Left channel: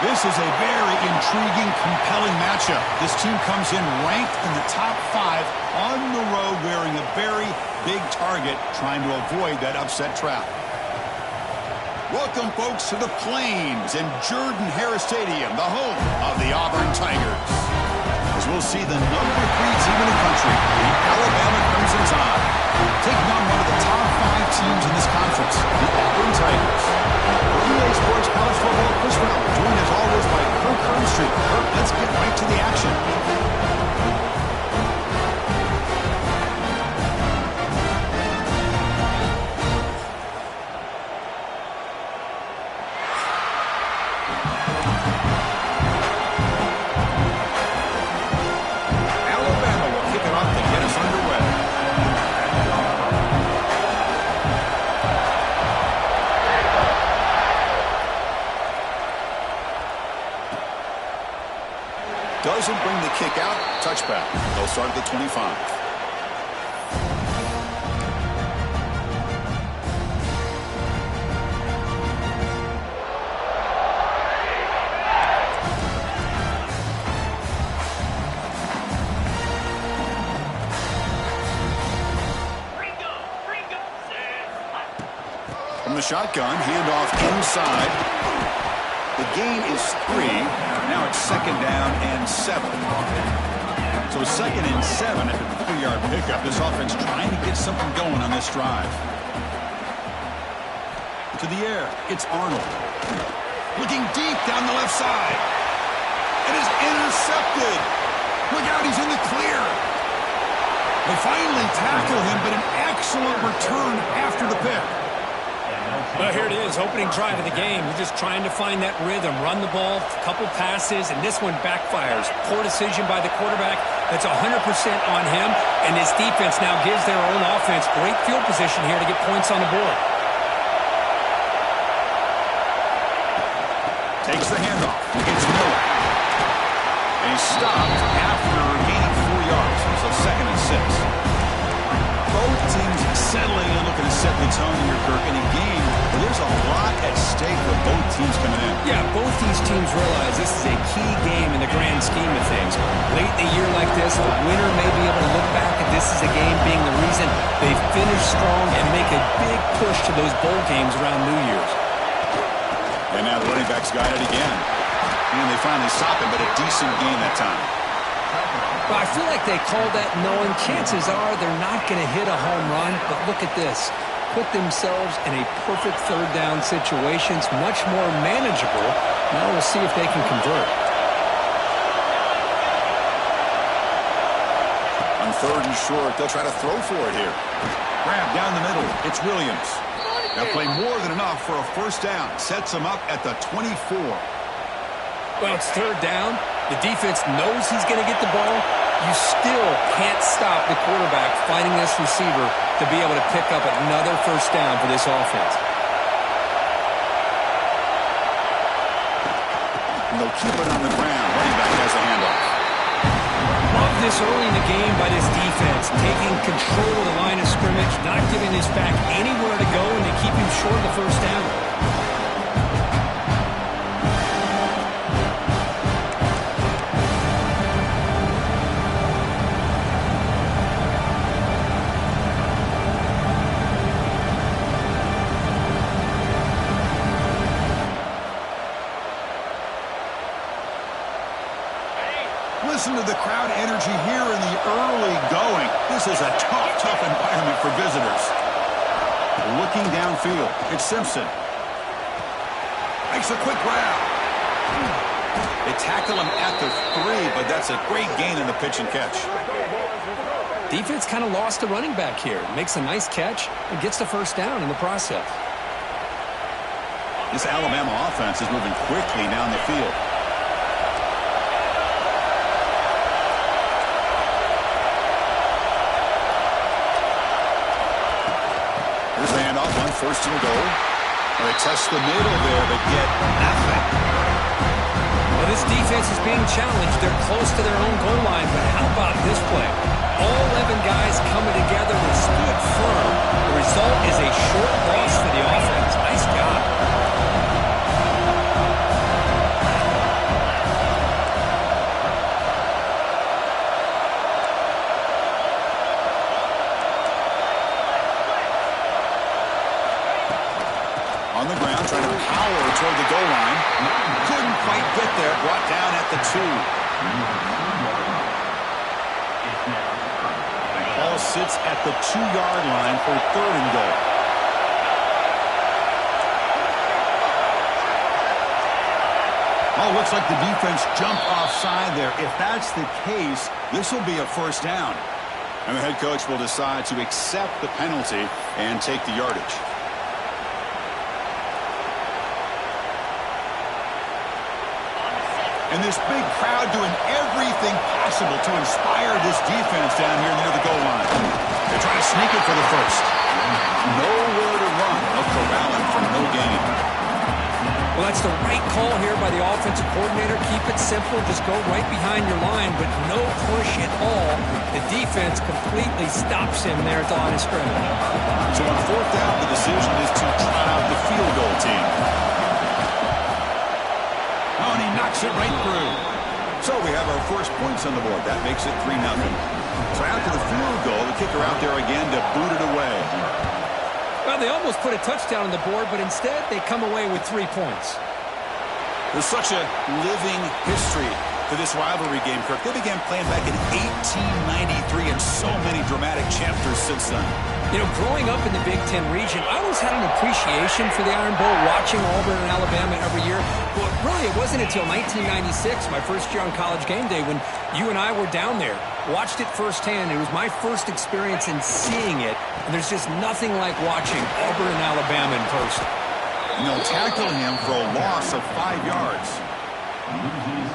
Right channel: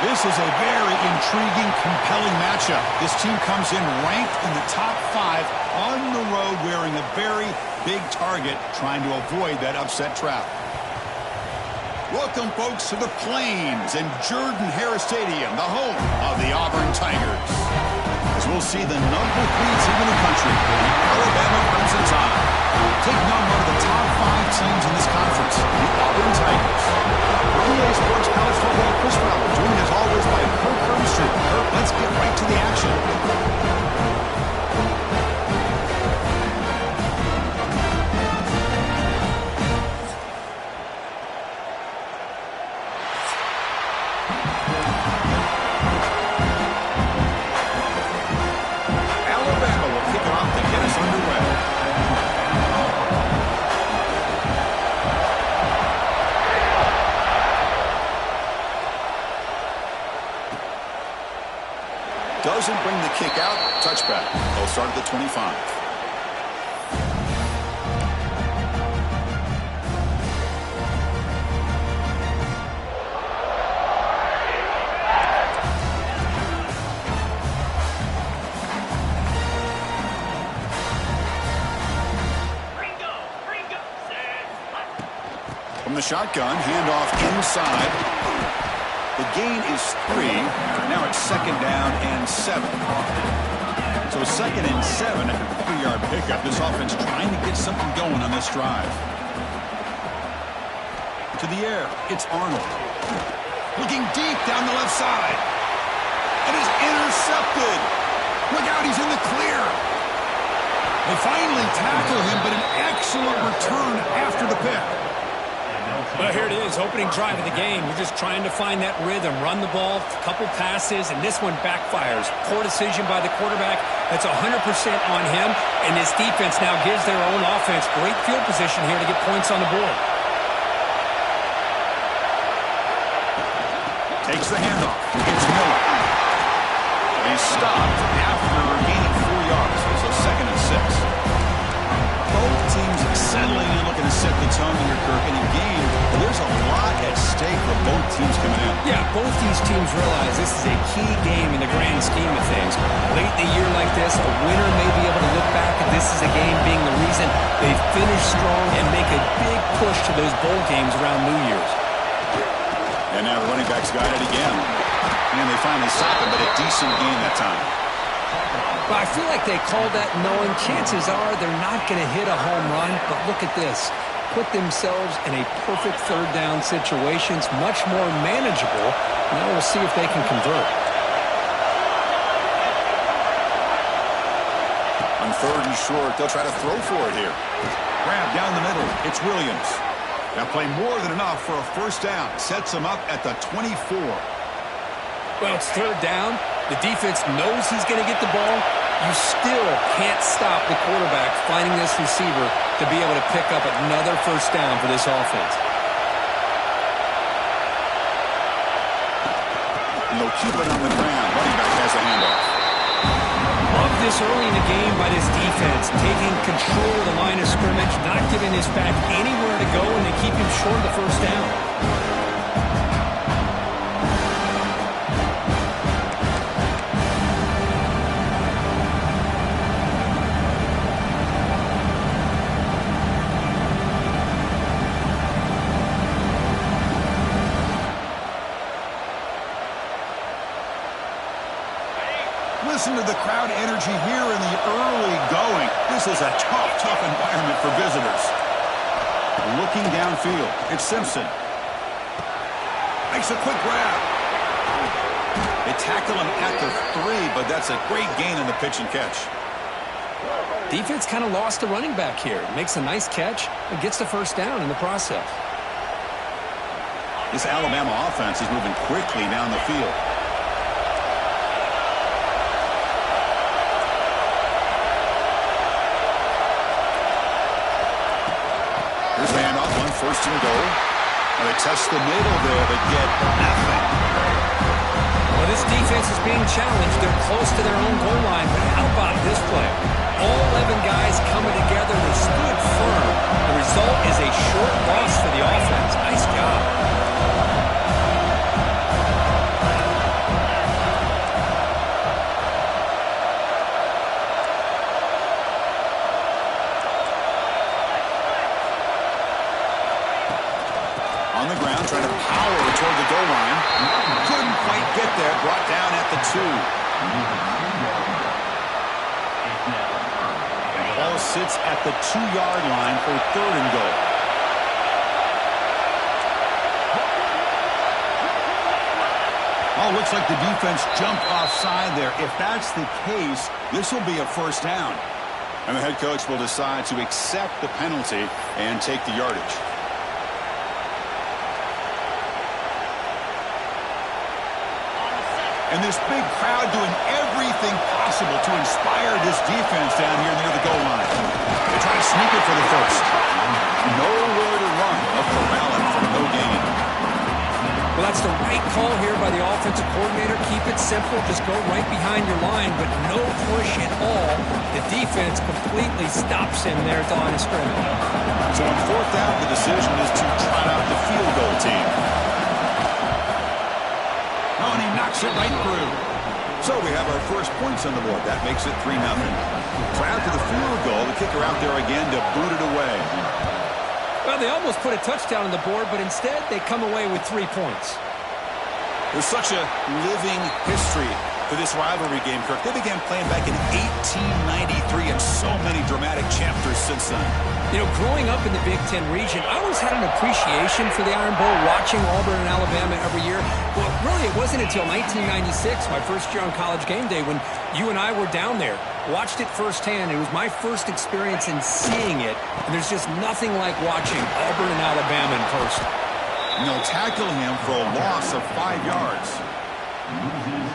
This is a very intriguing, compelling matchup. This team comes in ranked in the top 5 on the road wearing a very big target, trying to avoid that upset trap. Welcome, folks, to the Plains and Jordan-Hare Stadium, the home of the Auburn Tigers. As we'll see the number 3 team in the country, the Alabama Crimson Tide, taking on one of the top 5 teams in this conference, the Auburn Tigers. For EA Sports College Football, Chris Fowler, joined as always by Kirk Hermstreet. Kirk, let's get right to the action. Alabama will kick it off to get us underway. Doesn't bring the kick out. Touchback. They'll start at the 25. From the shotgun, handoff inside. The gain is 3. Now it's 2nd down and 7. So 2nd and 7 after the 3-yard pickup. This offense trying to get something going on this drive. To the air, it's Arnold. Looking deep down the left side. And is intercepted. Look out, he's in the clear. They finally tackle him, but an excellent return after the pick. Well, here it is, opening drive of the game. You're just trying to find that rhythm, run the ball, a couple passes, and this one backfires. Poor decision by the quarterback. That's 100% on him, and this defense now gives their own offense great field position here to get points on the board. Takes the handoff. It's Miller. And he's stopped after gaining 4 yards, so 2nd and 6. Both teams settling and looking to set the tone here, Kirk, in a game where there's a lot at stake for both teams coming in. Yeah, both these teams realize this is a key game in the grand scheme of things. Late in a year like this, a winner may be able to look back at this as a game being the reason they finish strong and make a big push to those bowl games around New Year's. And now the running backs got it again. And they finally stopped him, but a decent gain that time. Well, I feel like they called that knowing chances are they're not going to hit a home run, but look at this. Put themselves in a perfect 3rd down situations, much more manageable. Now we'll see if they can convert. On 3rd and short, they'll try to throw for it here. Grab down the middle. It's Williams. They'll play more than enough for a 1st down. Sets them up at the 24. Well, it's 3rd down. The defense knows he's going to get the ball. You still can't stop the quarterback finding this receiver to be able to pick up another 1st down for this offense. And they'll keep it on the ground. Running back has the handoff. Love this early in the game by this defense, taking control of the line of scrimmage, not giving this back anywhere to go, and they keep him short of the 1st down. Listen to the crowd energy here in the early going. This is a tough environment for visitors. Looking downfield, it's Simpson. Makes a quick grab. They tackle him at the 3, but that's a great gain in the pitch and catch. Defense kind of lost the running back here. Makes a nice catch and gets the 1st down in the process. This Alabama offense is moving quickly down the field. Here's the handoff, 1st and goal. Well, they test the middle there, but get nothing. Well, this defense is being challenged. They're close to their own goal line, but how about this play? All 11 guys coming together. They stood firm. The result is a short loss for the offense. Nice job. On the ground, trying to power toward the goal line. Couldn't quite get there. Brought down at the 2. Ball sits at the 2-yard line for 3rd and goal. Oh, looks like the defense jumped offside there. If that's the case, this will be a 1st down. And the head coach will decide to accept the penalty and take the yardage. And this big crowd doing everything possible to inspire this defense down here near the goal line. They try to sneak it for the 1st. Nowhere to run. They'll corral him for no gain. Well, that's the right call here by the offensive coordinator. Keep it simple. Just go right behind your line, but no push at all. The defense completely stops him there at the line of scrimmage. So on 4th down, the decision is to trot out the field goal team. Oh, and he knocks it right through. So we have our first points on the board. That makes it 3-0. So after the field goal, the kicker out there again to boot it away. Well, they almost put a touchdown on the board, but instead they come away with 3 points. There's such a living history to this rivalry game, Kirk. They began playing back in 1893 and so many dramatic chapters since then. You know, growing up in the Big Ten region, I always had an appreciation for the Iron Bowl, watching Auburn and Alabama every year. But really, it wasn't until 1996, my first year on College Game Day, when you and I were down there. Watched it firsthand. It was my first experience in seeing it. And there's just nothing like watching Auburn and Alabama in person. And they'll tackle him for a loss of 5 yards.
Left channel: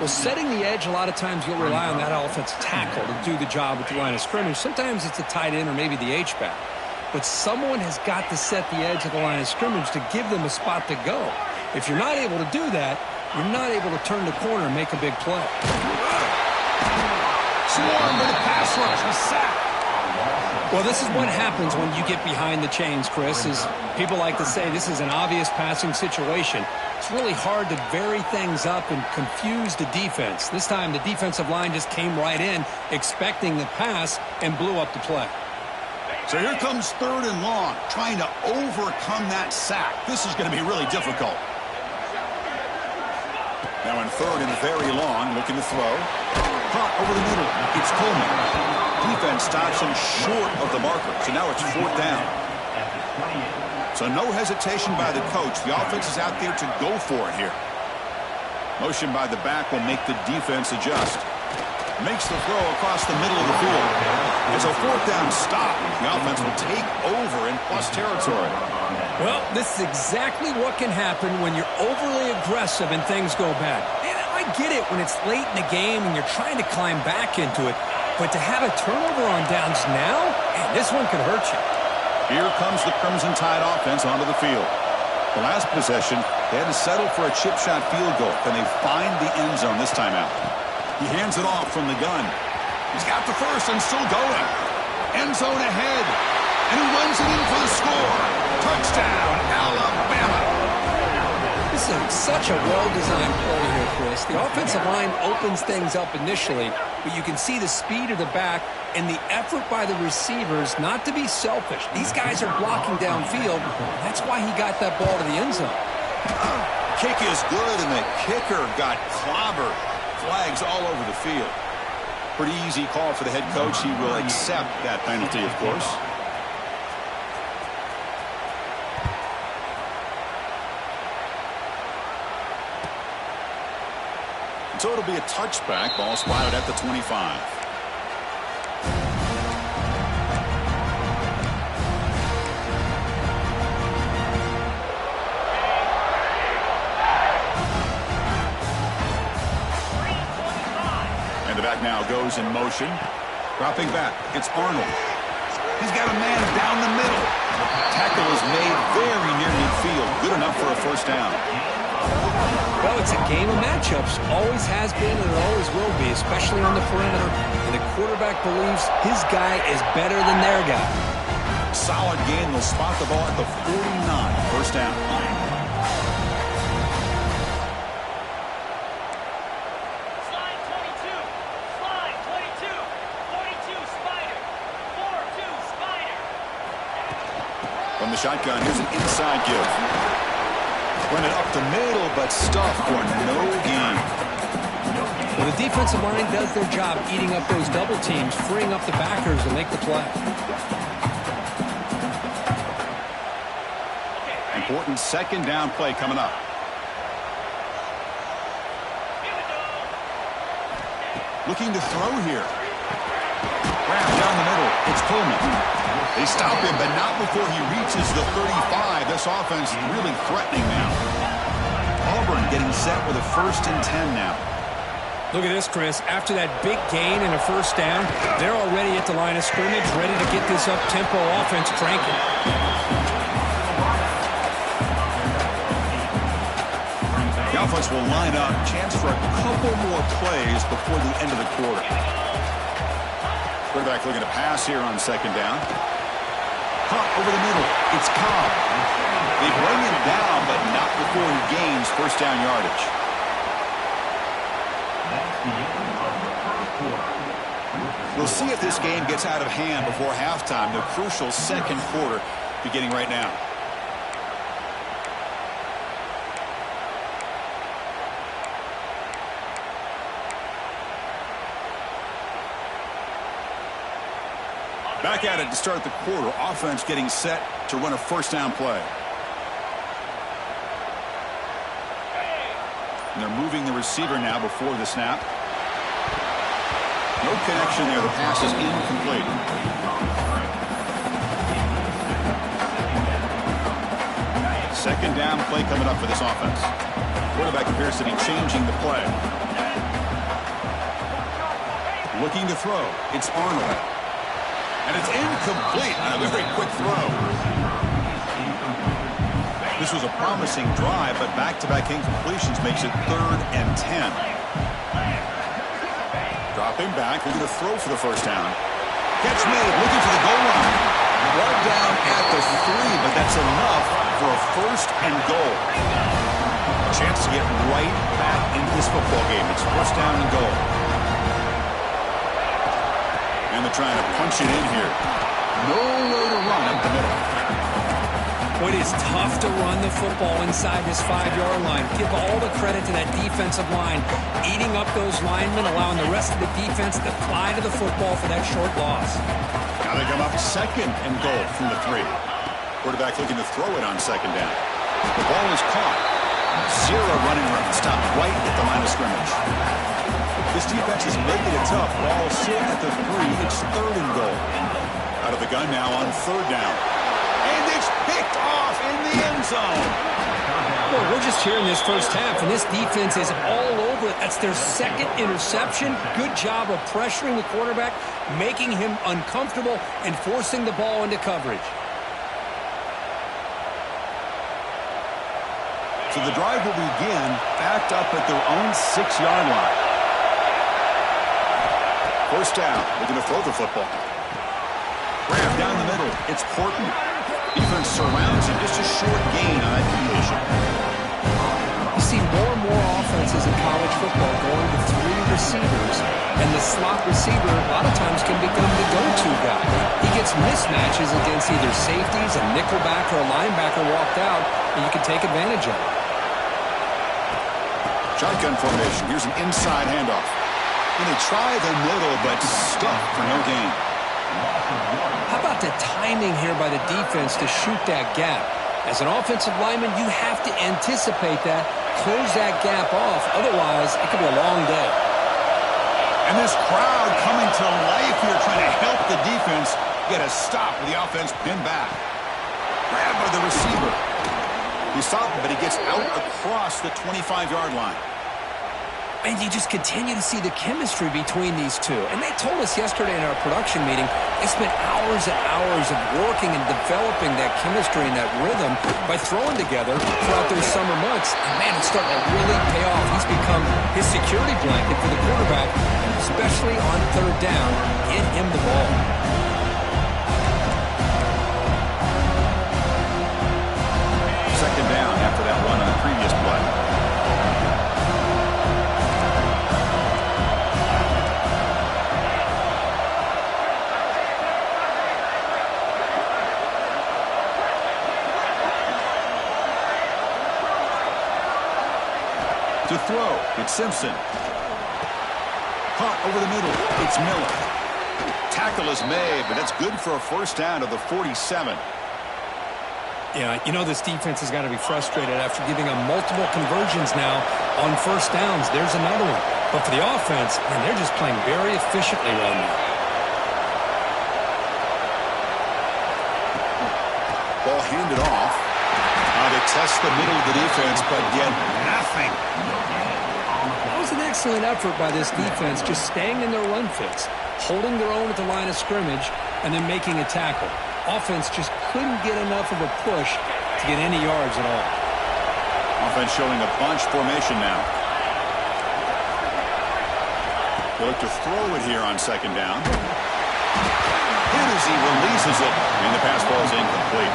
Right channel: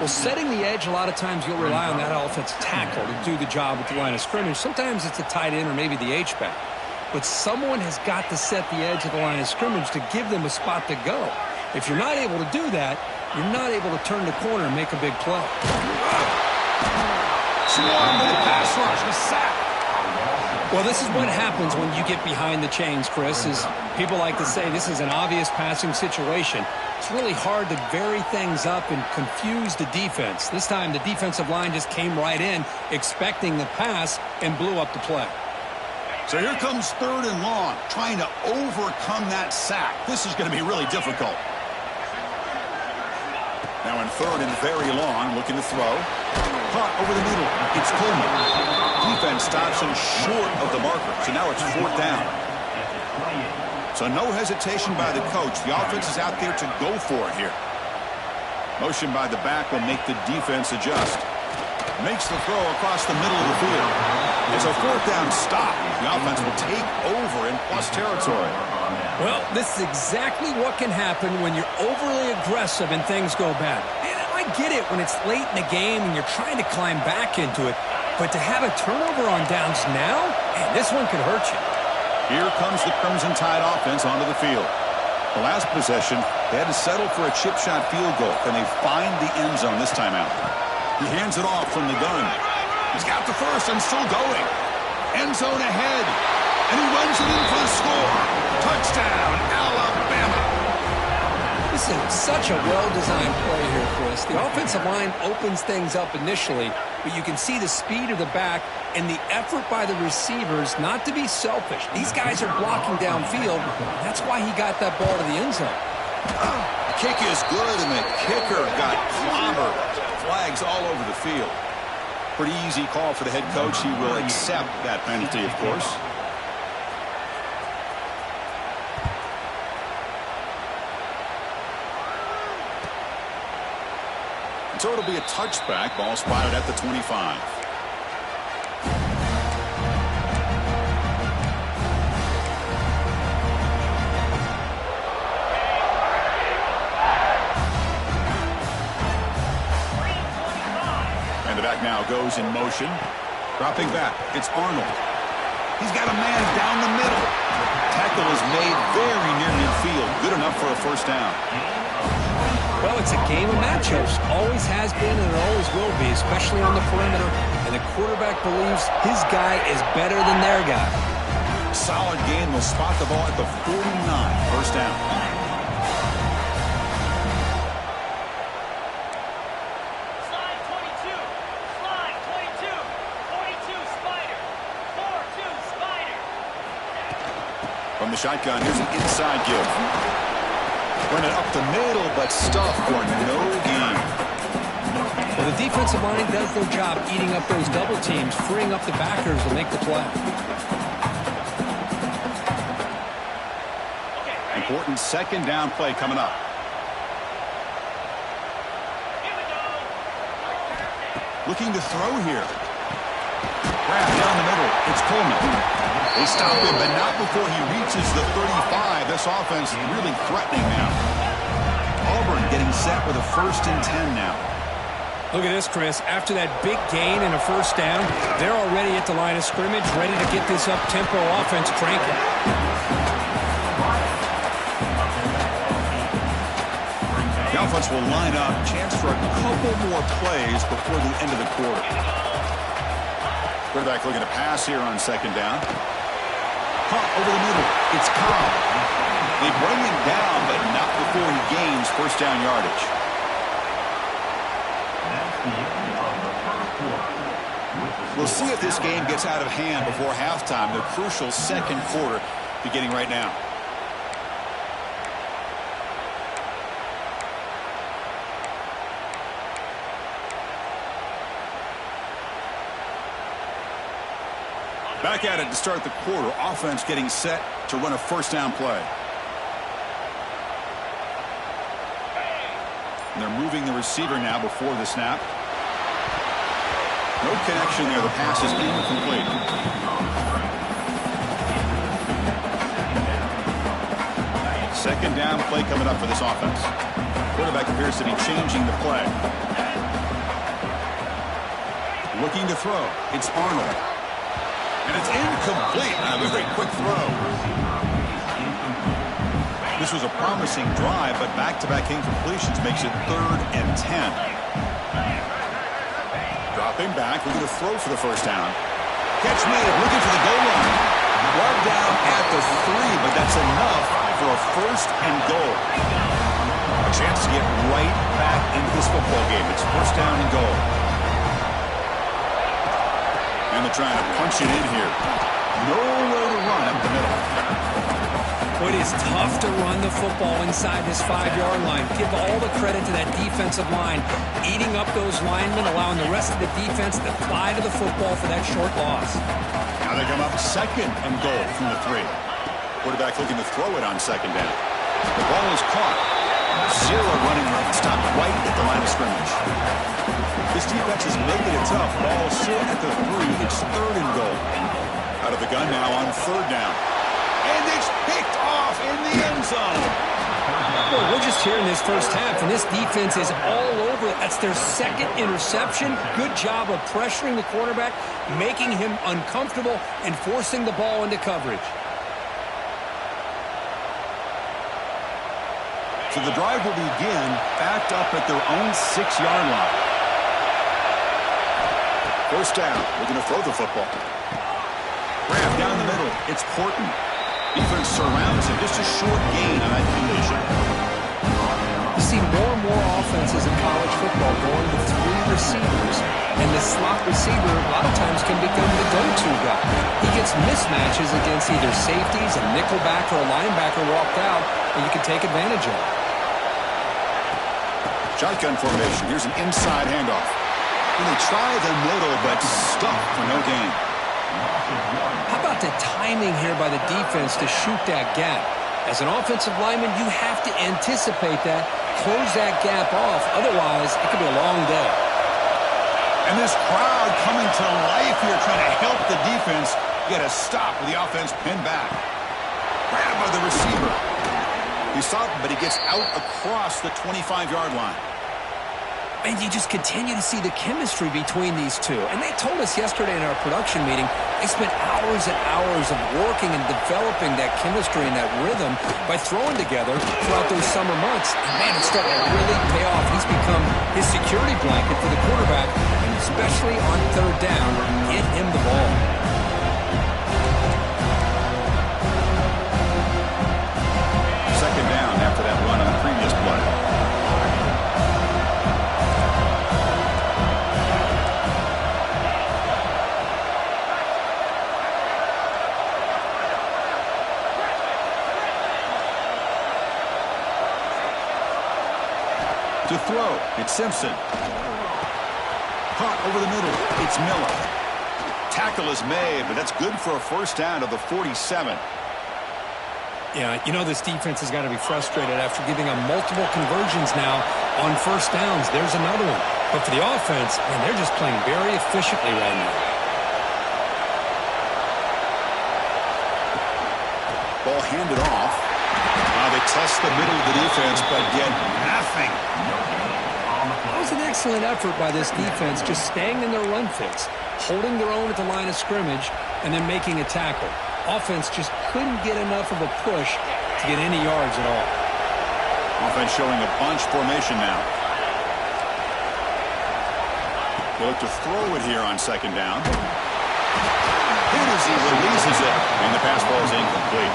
Well, setting the edge, a lot of times you'll rely on that offensive tackle to do the job at the line of scrimmage. Sometimes it's a tight end or maybe the H-back. But someone has got to set the edge of the line of scrimmage to give them a spot to go. If you're not able to do that, you're not able to turn the corner and make a big play. Swarm with a pass rush, a sack. Well, this is what happens when you get behind the chains, Chris, is people like to say this is an obvious passing situation. It's really hard to vary things up and confuse the defense. This time, the defensive line just came right in, expecting the pass, and blew up the play. So here comes 3rd and long, trying to overcome that sack. This is going to be really difficult. Now in 3rd and very long, looking to throw. Caught over the middle. It's Coleman. Defense stops him short of the marker. So now it's 4th down. So no hesitation by the coach. The offense is out there to go for it here. Motion by the back will make the defense adjust. Makes the throw across the middle of the field. It's a 4th down stop. The offense will take over in plus territory. Well, this is exactly what can happen when you're overly aggressive and things go bad. And I get it when it's late in the game and you're trying to climb back into it. But to have a turnover on downs now, man, this one could hurt you. Here comes the Crimson Tide offense onto the field. The last possession, they had to settle for a chip shot field goal. Can they find the end zone this time out? He hands it off from the gun. He's got the first and still going. End zone ahead. And he runs it in for the score. Touchdown, Alabama. This is such a well-designed play here, Chris. The offensive line opens things up initially, but you can see the speed of the back and the effort by the receivers not to be selfish. These guys are blocking downfield. That's why he got that ball to the end zone. Kick is good, and the kicker got clobbered. Flags all over the field. Pretty easy call for the head coach. He will accept that penalty, of course. So it'll be a touchback. Ball spotted at the 25. And the back now goes in motion. Dropping back. It's Arnold. He's got a man down the middle. Tackle is made very near midfield. Good enough for a 1st down. Well, it's a game of matchups. Always has been and it always will be, especially on the perimeter. And the quarterback believes his guy is better than their guy. Solid game. They'll spot the ball at the 49. 1st down. Slide 22. Slide 22. 42 Spider. 4-2 Spider. From the shotgun, here's an inside give. Run it up the middle, but stuffed for no gain. Well, the defensive line does their job eating up those double teams, freeing up the backers to make the play. Important second down play coming up. Looking to throw here. Grab down the middle. It's Coleman. They stop him, but not before he reaches the 35. This offense really threatening now. Auburn getting set with a 1st and 10 now. Look at this, Chris. After that big gain and a first down, they're already at the line of scrimmage, ready to get this up-tempo offense cranking. The offense will line up. Chance for a couple more plays before the end of the quarter. Quarterback looking to pass here on second down. Hunt over the middle. It's Cobb. They bring him down, but not before he gains first down yardage. We'll see if this game gets out of hand before halftime. The crucial second quarter beginning right now. Back at it to start the quarter. Offense getting set to run a first down play. And they're moving the receiver now before the snap. No connection there. The pass is incomplete. Second down play coming up for this offense. Quarterback appears to be changing the play. Looking to throw. It's Arnold. And it's incomplete on a very quick throw. This was a promising drive, but back-to-back incompletions makes it 3rd and 10. Dropping back, looking to throw for the first down. Catch made, looking for the goal line. Brought down at the 3, but that's enough for a 1st and goal. A chance to get right back into this football game. It's 1st down and goal. And they're trying to punch it in here. Nowhere to run up the middle. It is tough to run the football inside this 5-yard line. Give all the credit to that defensive line, eating up those linemen, allowing the rest of the defense to fly to the football for that short loss. Now they come up 2nd and goal from the 3. Quarterback looking to throw it on 2nd down. The ball is caught. 0 running room. Stopped right at the line of scrimmage. This defense is making it tough. Ball still at the 3. It's 3rd and goal. Out of the gun now on 3rd down. And it's picked off in the end zone. Boy, we're just here in this first half, and this defense is all over. That's their 2nd interception. Good job of pressuring the quarterback, making him uncomfortable, and forcing the ball into coverage. So the drive will begin backed up at their own 6-yard line. First down, looking to throw the football. Grab down the middle. It's Porton. Defense surrounds him. Just a short gain on that completion. You see more and more offenses in college football going to 3 receivers, and the slot receiver a lot of times can become the go-to guy. He gets mismatches against either safeties, a nickelback, or a linebacker walked out, and you can take advantage of it. Shotgun formation. Here's an inside handoff. And they try the middle, but stuffed for no gain. How about the timing here by the defense to shoot that gap? As an offensive lineman, you have to anticipate that, close that gap off. Otherwise, it could be a long day. And this crowd coming to life here, trying to help the defense get a stop with the offense pinned back. Grabbed by the receiver. He stopped, but he gets out across the 25-yard line. And you just continue to see the chemistry between these two. And they told us yesterday in our production meeting, they spent hours and hours of working and developing that chemistry and that rhythm by throwing together throughout those summer months. And, man, it's starting to really pay off. He's become his security blanket for the quarterback, and especially on 3rd down, get him the ball. Second down after that run on the previous play. To throw, it's Simpson. Caught over the middle, it's Miller. Tackle is made, but that's good for a first down to the 47. Yeah, you know this defense has got to be frustrated after giving them multiple conversions now on first downs. There's another one. But for the offense, man, they're just playing very efficiently right now. Ball handed off. They test the middle of the defense, but get nothing. That was an excellent effort by this defense, just staying in their run fits, holding their own at the line of scrimmage, and then making a tackle. Offense just couldn't get enough of a push to get any yards at all. Offense showing a bunch formation now. They look to throw it here on second down. Hit as he releases it, and the pass ball is incomplete.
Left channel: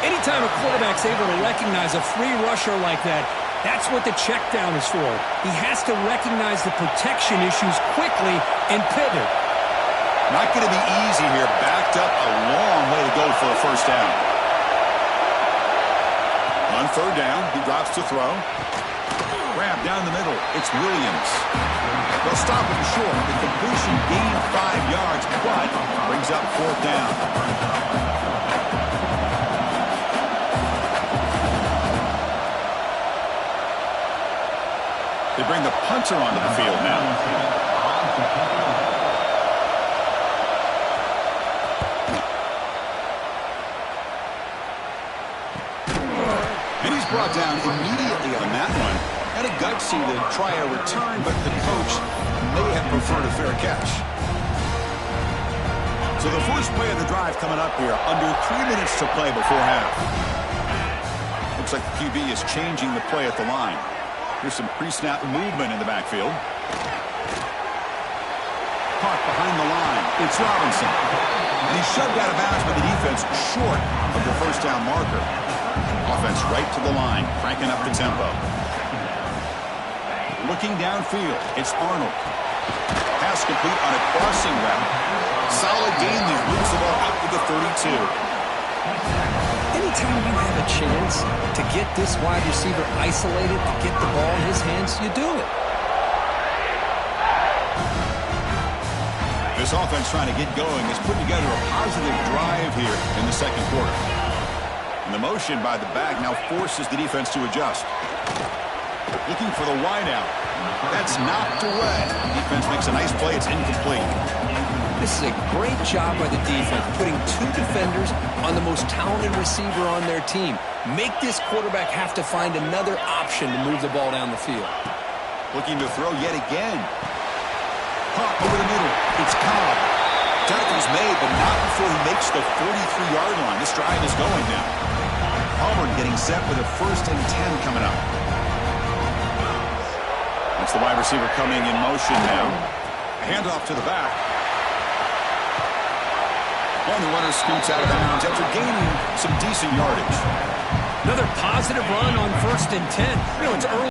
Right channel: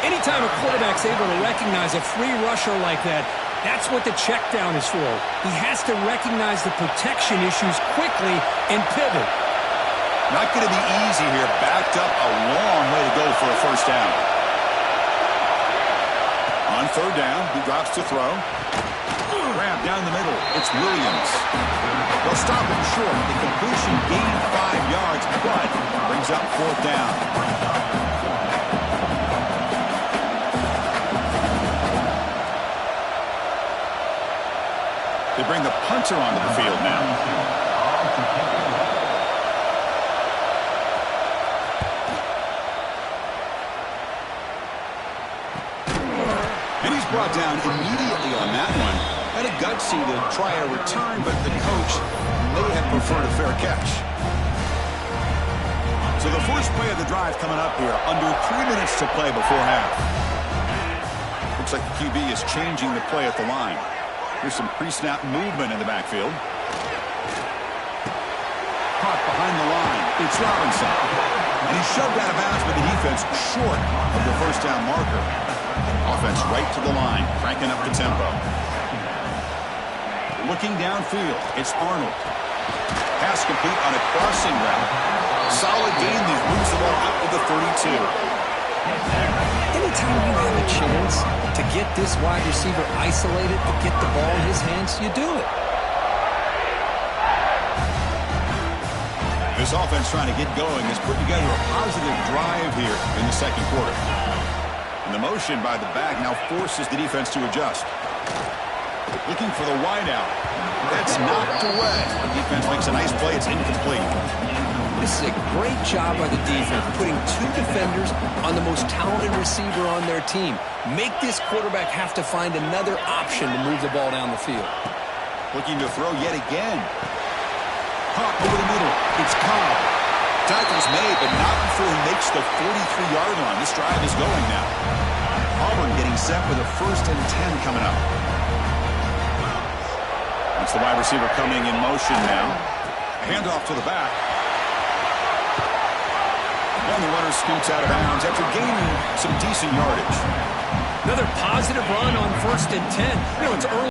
Anytime a quarterback's able to recognize a free rusher like that, that's what the check down is for. He has to recognize the protection issues quickly and pivot. Not going to be easy here. Backed up a long way to go for a first down. On third down, he drops to throw. Grab down the middle. It's Williams. They'll stop him short. The completion gained 5 yards, but brings up fourth down. They bring the punter onto the field now. And he's brought down immediately on that one. Had a gutsy to try a return, but the coach may have preferred a fair catch. So the first play of the drive coming up here. Under 3 minutes to play before half. Looks like the QB is changing the play at the line. Here's some pre-snap movement in the backfield. Caught behind the line. It's Robinson. And he's shoved out of bounds by the defense short of the first down marker. Offense right to the line, cranking up the tempo. Looking downfield, it's Arnold. Pass complete on a crossing route. Solid gain there. Moves the ball out to the 32. Anytime you have a chance to get this wide receiver isolated, to get the ball in his hands, you do it. This offense trying to get going has put together a positive drive here in the second quarter. And the motion by the back now forces the defense to adjust. Looking for the wideout. That's knocked away. The defense makes a nice play. It's incomplete. This is a great job by the defense, putting 2 defenders on the most talented receiver on their team. Make this quarterback have to find another option to move the ball down the field. Looking to throw yet again. Caught over the middle. It's Cobb. Tackle's made, but not before he makes the 43-yard line. This drive is going now. Auburn getting set with a 1st and 10 coming up. That's the wide receiver coming in motion now. Handoff to the back. And the runner scoots out of bounds after gaining some decent yardage. Another positive run on 1st and 10. You know, it's early.